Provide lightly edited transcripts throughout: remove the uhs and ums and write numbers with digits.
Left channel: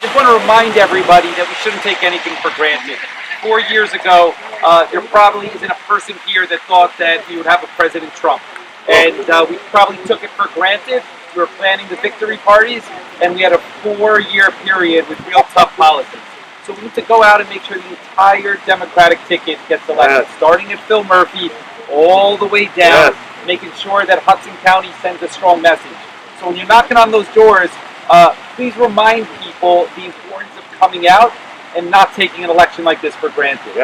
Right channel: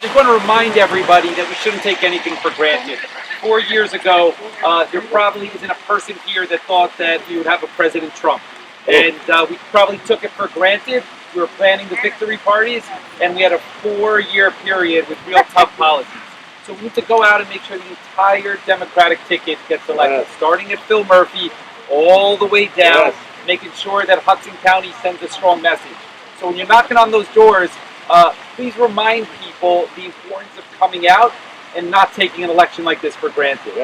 Just want to remind everybody that we shouldn't take anything for granted. 4 years ago, there probably isn't a person here that thought that we would have a President Trump. And we probably took it for granted. We were planning the victory parties, and we had a 4-year period with real tough policies. So we need to go out and make sure the entire Democratic ticket gets elected, starting at Phil Murphy all the way down, making sure that Hudson County sends a strong message. So when you're knocking on those doors, please remind people the importance of coming out and not taking an election like this for granted.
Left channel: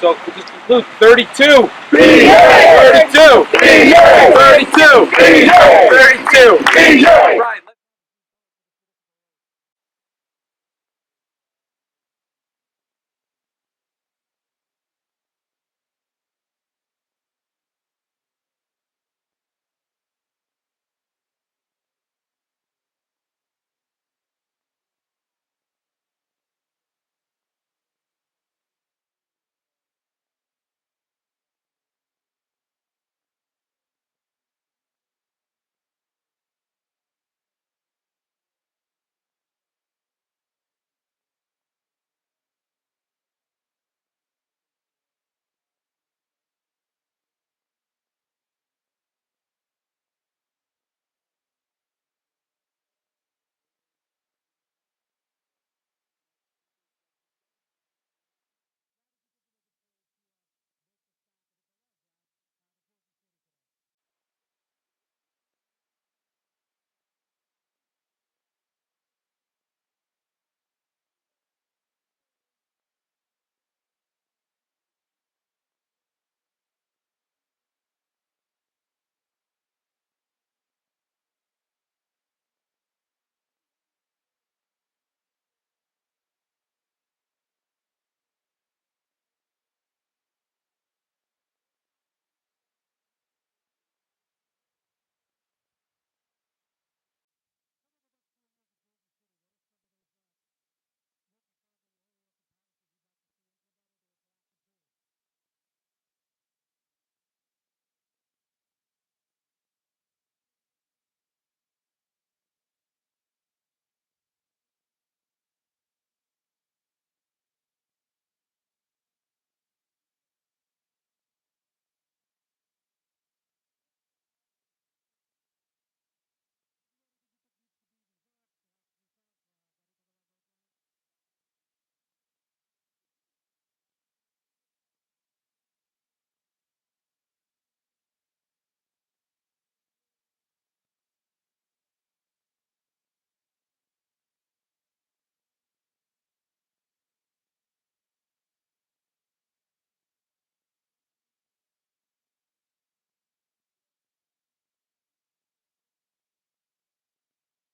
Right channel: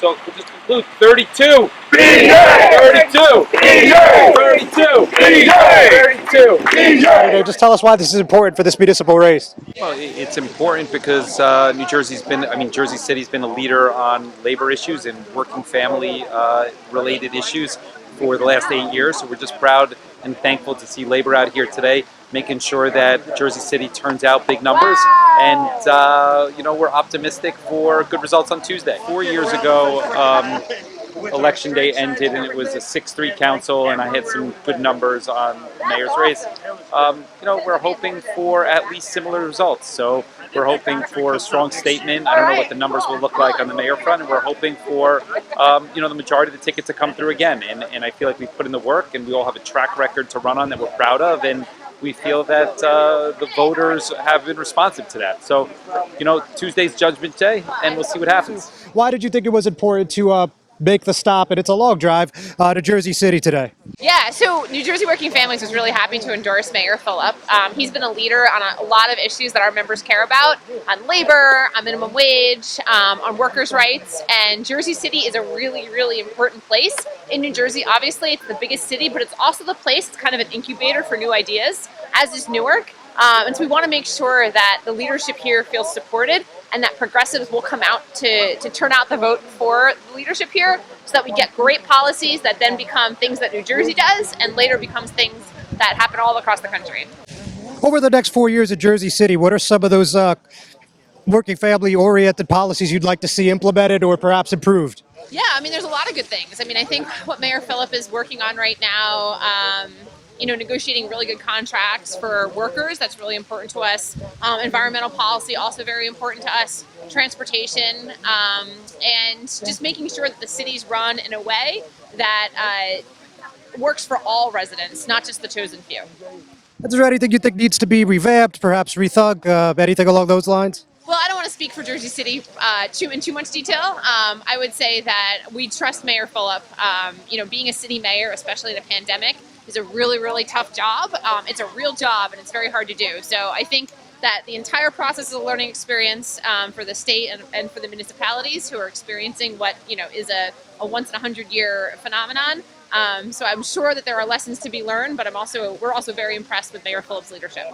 So to just conclude, 32, 32, 32, 32. Mayor, just tell us why this is important for this municipal race. Well, it's important because Jersey City's been a leader on labor issues and working family related issues for the last 8 years. So we're just proud and thankful to see labor out here today, making sure that Jersey City turns out big numbers. And, we're optimistic for good results on Tuesday. 4 years ago, Election Day ended and it was a 6-3 council, and I had some good numbers on the mayor's race. We're hoping for at least similar results. So we're hoping for a strong statement. I don't know what the numbers will look like on the mayor front, and we're hoping for, the majority of the tickets to come through again. And I feel like we've put in the work, and we all have a track record to run on that we're proud of, and we feel that the voters have been responsive to that. So, Tuesday's Judgment Day, and we'll see what happens. Why did you think it was important to make the stop, and it's a long drive, to Jersey City today? Yeah, so New Jersey Working Families was really happy to endorse Mayor Fulop. He's been a leader on a lot of issues that our members care about, on labor, on minimum wage, on workers' rights, and Jersey City is a really, really important place in New Jersey. Obviously, it's the biggest city, but it's also the place, it's kind of an incubator for new ideas, as is Newark. And so we want to make sure that the leadership here feels supported and that progressives will come out to turn out the vote for the leadership here so that we get great policies that then become things that New Jersey does and later becomes things that happen all across the country. Over the next 4 years at Jersey City, what are some of those working family-oriented policies you'd like to see implemented or perhaps improved? Yeah, there's a lot of good things. I think what Mayor Fulop is working on right now, negotiating really good contracts for workers, that's really important to us. Environmental policy, also very important to us. Transportation, and just making sure that the city's run in a way that works for all residents, not just the chosen few. Is there anything you think needs to be revamped, perhaps rethunk, anything along those lines? Well, I don't want to speak for Jersey City in too much detail. I would say that we trust Mayor Fulop. Being a city mayor, especially in a pandemic, is a really, really tough job. It's a real job, and it's very hard to do. So I think that the entire process is a learning experience for the state and for the municipalities who are experiencing what is a once-in-a-100-year phenomenon. So I'm sure that there are lessons to be learned, but we're also very impressed with Mayor Fulop's leadership.